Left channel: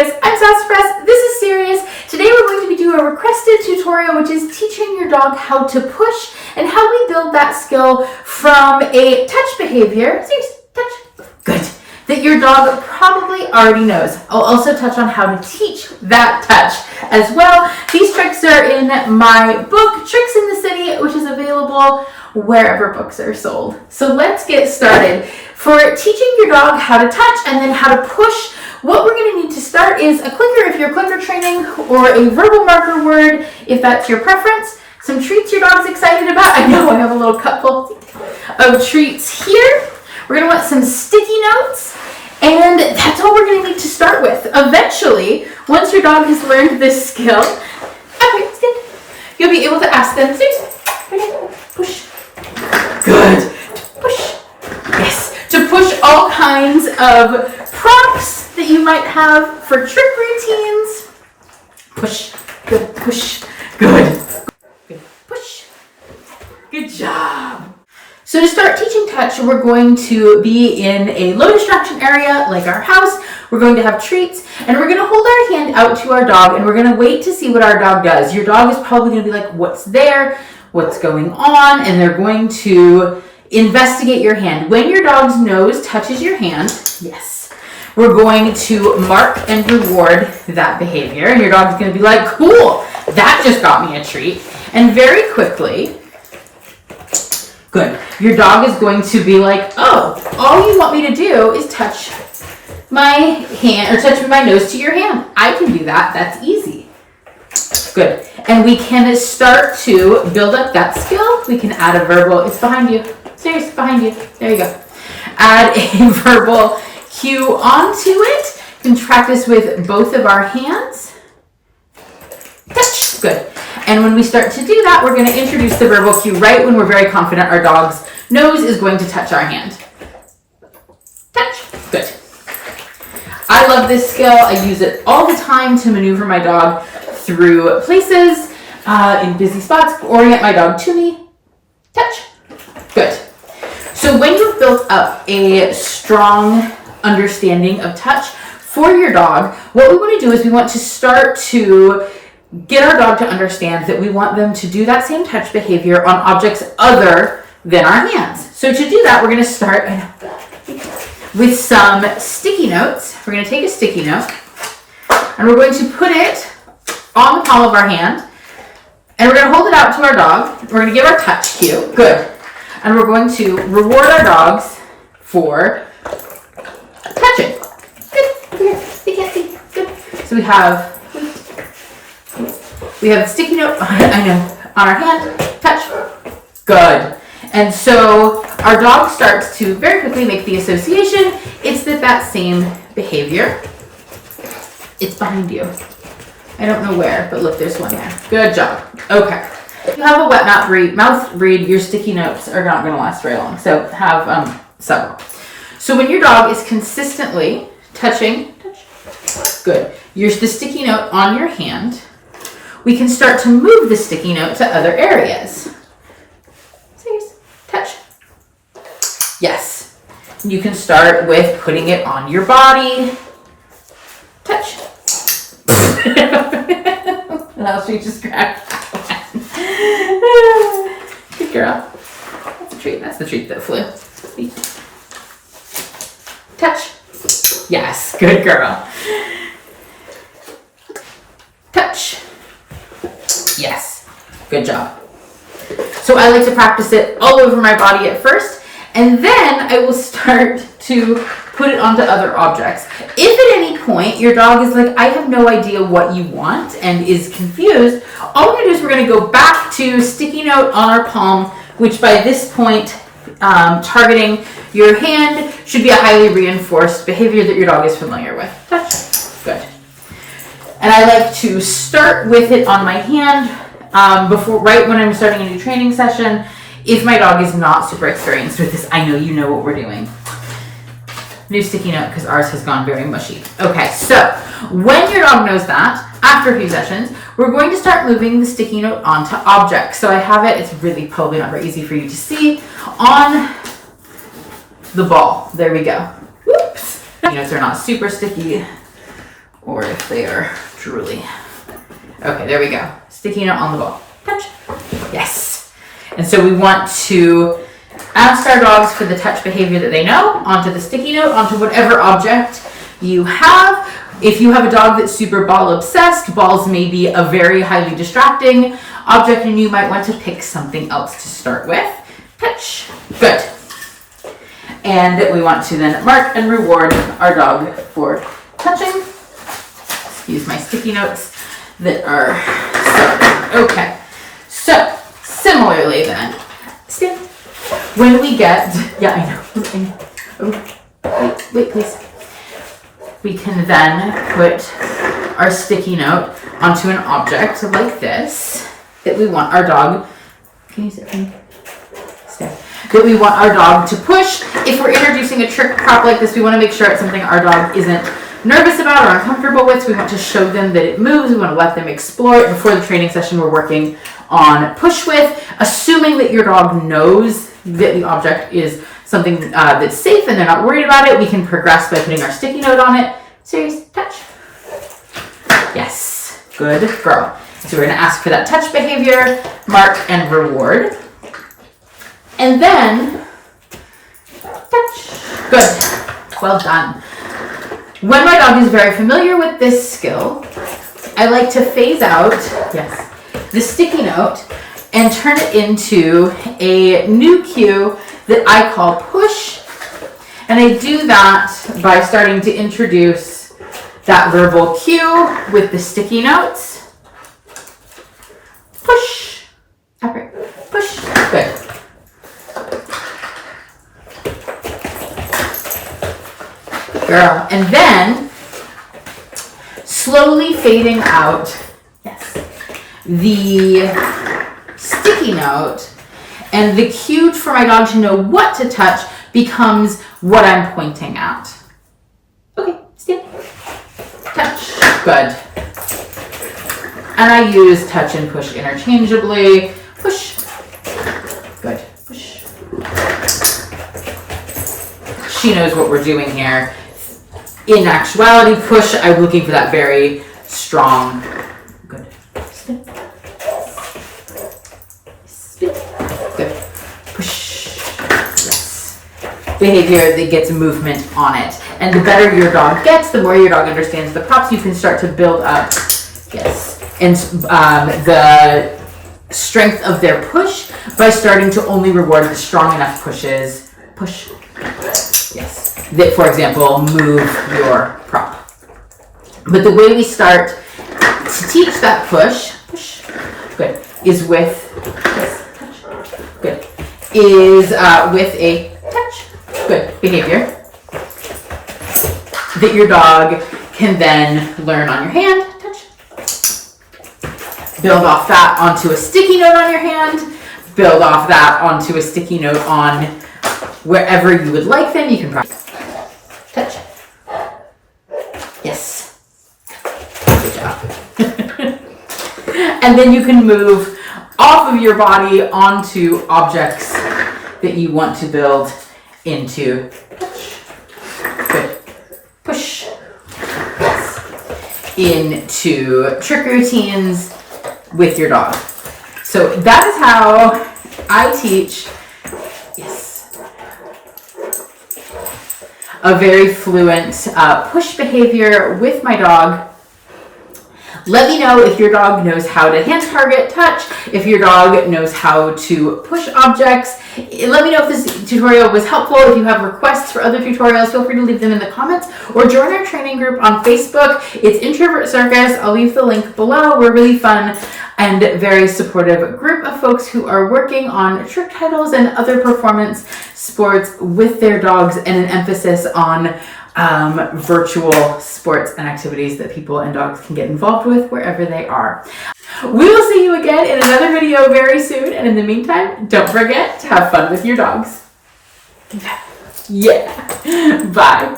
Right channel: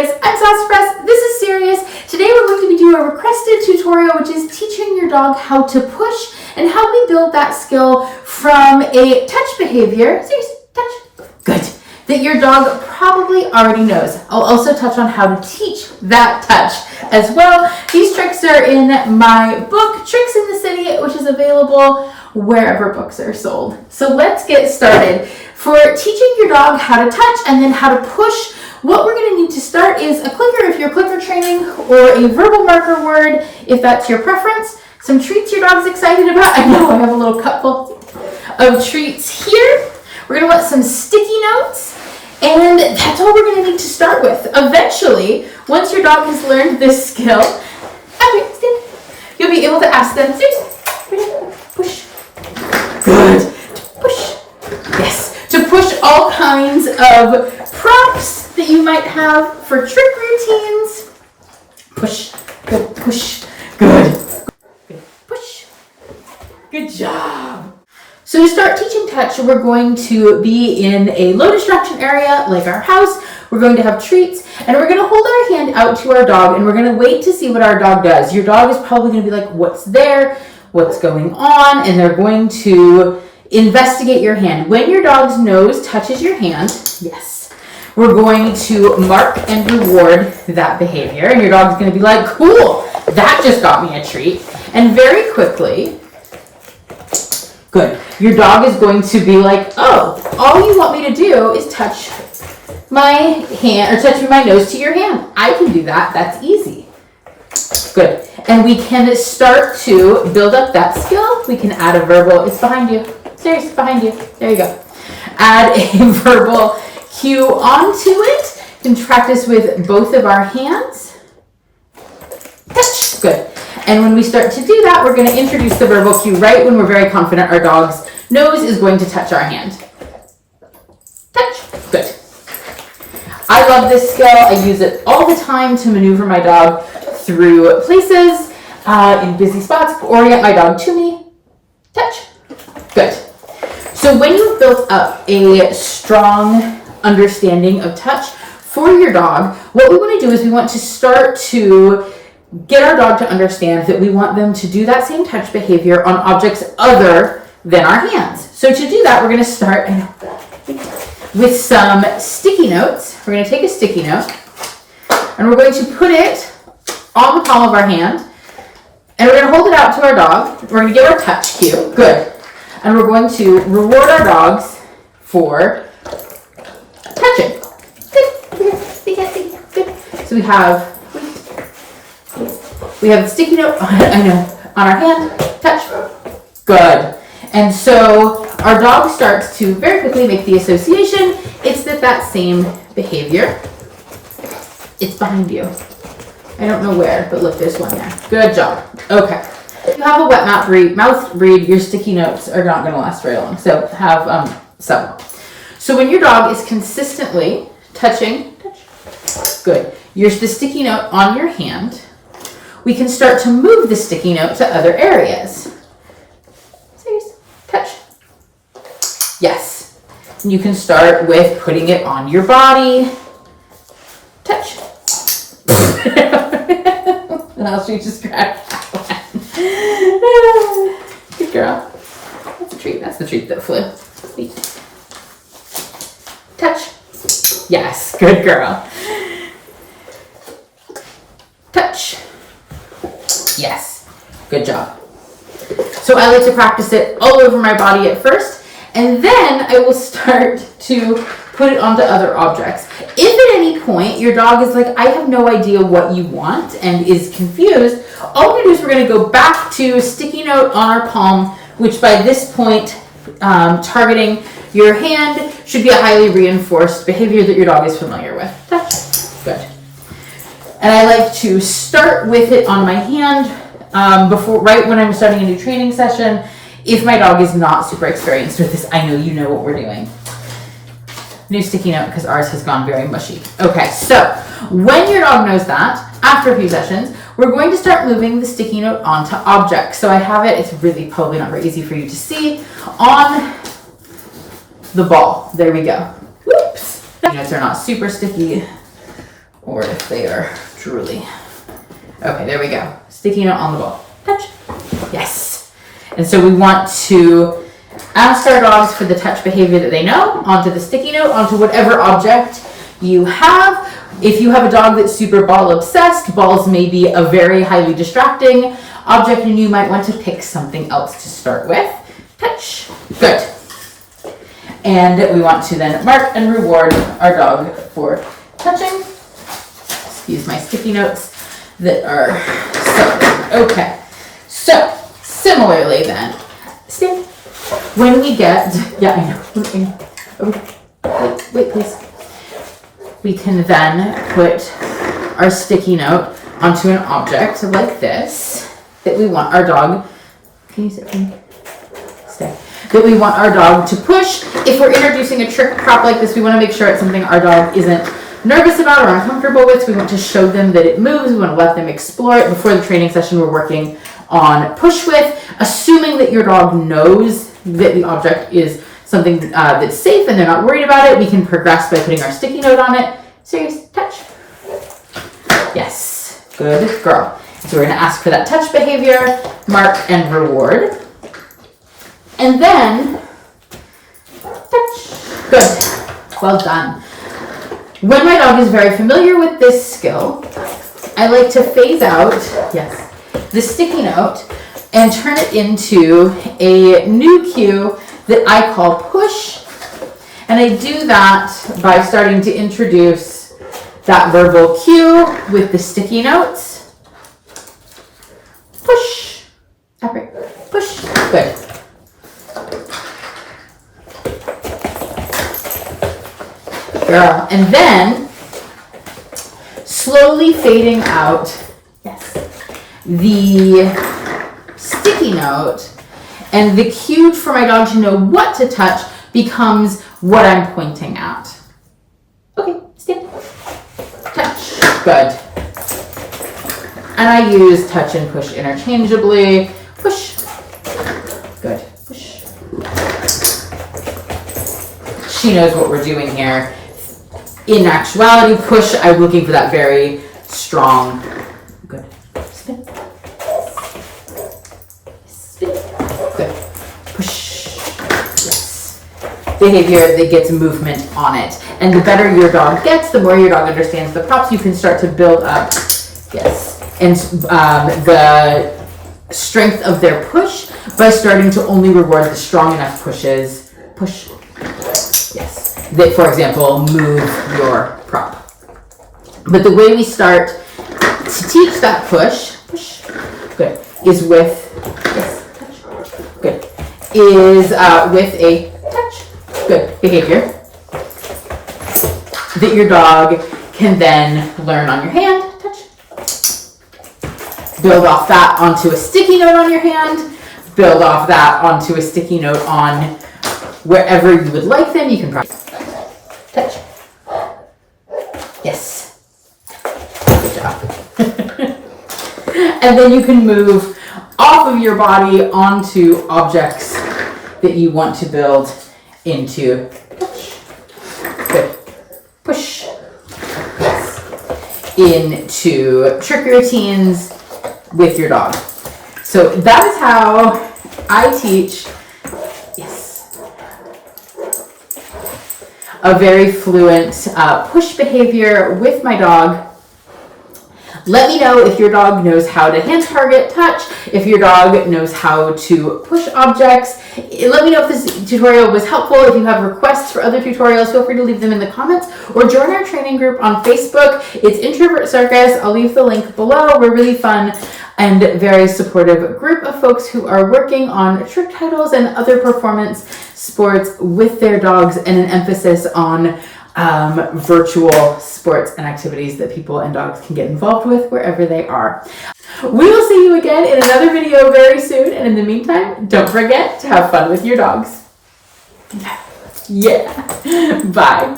guys, I'm Sassafras, this is Serious. Today we're going to be doing a requested tutorial which is teaching your dog how to push and how we build that skill from a touch behavior, touch, good, that your dog probably already knows. I'll also touch on how to teach that touch as well. These tricks are in my book, Tricks in the City, which is available wherever books are sold. So let's get started. For teaching your dog how to touch and then how to push, what we're going to need to start is a clicker if you're clicker training, or a verbal marker word if that's your preference. Some treats your dog's excited about. I know I have a little cup full of treats here. We're going to want some sticky notes, and that's all we're going to need to start with. Eventually, once your dog has learned this skill, you'll be able to ask them, push. Good. To push. Yes. To push all kinds of props that you might have for trick routines. Push. Good. Push. Good. Good. Push. Good job. So to start teaching touch, we're going to be in a low distraction area like our house. We're going to have treats, and we're going to hold our hand out to our dog, and we're going to wait to see what our dog does. Your dog is probably going to be like, what's there? What's going on? And they're going to investigate your hand. When your dog's nose touches your hand, yes, we're going to mark and reward that behavior. And your dog's going to be like, cool, that just got me a treat. And very quickly, good, your dog is going to be like, oh, all you want me to do is touch my hand, or touch my nose to your hand. I can do that. That's easy. Good. And we can start to build up that skill. We can add a verbal, it's behind you. Serious, behind you. There you go. Add a verbal cue onto it. You can practice with both of our hands. Touch. Good. And when we start to do that, we're going to introduce the verbal cue right when we're very confident our dog's nose is going to touch our hand. Touch. Good. I love this skill. I use it all the time to maneuver my dog through places, in busy spots, orient my dog to me. Touch. Good. So when you've built up a strong understanding of touch for your dog, what we want to do is we want to start to get our dog to understand that we want them to do that same touch behavior on objects other than our hands. So to do that, we're going to start with some sticky notes. We're going to take a sticky note, and we're going to put it on the palm of our hand, and we're going to hold it out to our dog. We're going to give our touch cue. Good. And we're going to reward our dogs for touching. Good. They can't see. Good. So we have the sticky note, I know, on our hand. Touch. Good. And so our dog starts to very quickly make the association. It's that same behavior. It's behind you. I don't know where, but look, there's one there. Good job. Okay. If you have a wet mouth breed, your sticky notes are not going to last very long. So have several. So when your dog is consistently touching, good, the sticky note on your hand, we can start to move the sticky note to other areas. Serious. Touch. Yes. You can start with putting it on your body. Touch. Now she just grabbed that one. Good girl. That's a treat. That's the treat that flew. Touch. Yes. Good girl. Touch. Yes. Good job. So I like to practice it all over my body at first, and then I will start to put it onto other objects. If at any point your dog is like, I have no idea what you want, and is confused, all we're going to do is we're going to go back to sticky note on our palm, which by this point, targeting your hand, should be a highly reinforced behavior that your dog is familiar with. Touch. Good. And I like to start with it on my hand right when I'm starting a new training session. If my dog is not super experienced with this, I know you know what we're doing. New sticky note because ours has gone very mushy. Okay, so when your dog knows that, after a few sessions, we're going to start moving the sticky note onto objects. So I have it, it's really probably not very easy for you to see, on the ball. There we go. Whoops. Sticky notes are not super sticky or if they are drooly. Okay, there we go. Sticky note on the ball. Touch. Yes. And so we want to ask our dogs for the touch behavior that they know, onto the sticky note, onto whatever object you have. If you have a dog that's super ball obsessed, balls may be a very highly distracting object and you might want to pick something else to start with. Touch. Good. And we want to then mark and reward our dog for touching. Excuse my sticky notes that are started. Okay. So, similarly then, Steve, when we get, yeah, I know. Wait, please. We can then put our sticky note onto an object like this that we want our dog, can you sit for me? Stay. That we want our dog to push. If we're introducing a trick prop like this, we want to make sure it's something our dog isn't nervous about or uncomfortable with. So we want to show them that it moves. We want to let them explore it. Before the training session, we're working on push with, assuming that your dog knows that the object is something that's safe and they're not worried about it. We can progress by putting our sticky note on it. Serious touch. Yes, good girl. So we're going to ask for that touch behavior, mark and reward. And then touch. Good. Well done. When my dog is very familiar with this skill, I like to phase out, yes, the sticky note and turn it into a new cue that I call push. And I do that by starting to introduce that verbal cue with the sticky notes. Push. Push. Good. Good girl. And then slowly fading out, yes, the sticky note, and the cue for my dog to know what to touch becomes what I'm pointing at. Okay, stand. Touch. Good. And I use touch and push interchangeably. Push. Good. Push. She knows what we're doing here. In actuality, push, I'm looking for that very strong. Good. Spin. Spin. Good. Push. Yes. Behavior that gets movement on it. And the better your dog gets, the more your dog understands the props, you can start to build up, yes, and the strength of their push by starting to only reward the strong enough pushes. Push. Yes. That, for example, move your prop. But the way we start to teach that push, good, is with, yes, touch, good, is with a touch, good behavior that your dog can then learn on your hand, touch, build off that onto a sticky note on your hand, build off that onto a sticky note on wherever you would like them. You can practice. Touch. Yes. Good job. And then you can move off of your body onto objects that you want to build into. Good. Push. Yes. Into trick routines with your dog. So that is how I teach, yes, a very fluent push behavior with my dog. Let me know if your dog knows how to hand target touch, if your dog knows how to push objects. Let me know if this tutorial was helpful. If you have requests for other tutorials, feel free to leave them in the comments or join our training group on Facebook. It's Introvert Circus. I'll leave the link below. We're really fun and very supportive group of folks who are working on trick titles and other performance sports with their dogs, and an emphasis on virtual sports and activities that people and dogs can get involved with wherever they are. We will see you again in another video very soon, and in the meantime, don't forget to have fun with your dogs. Yeah. Bye.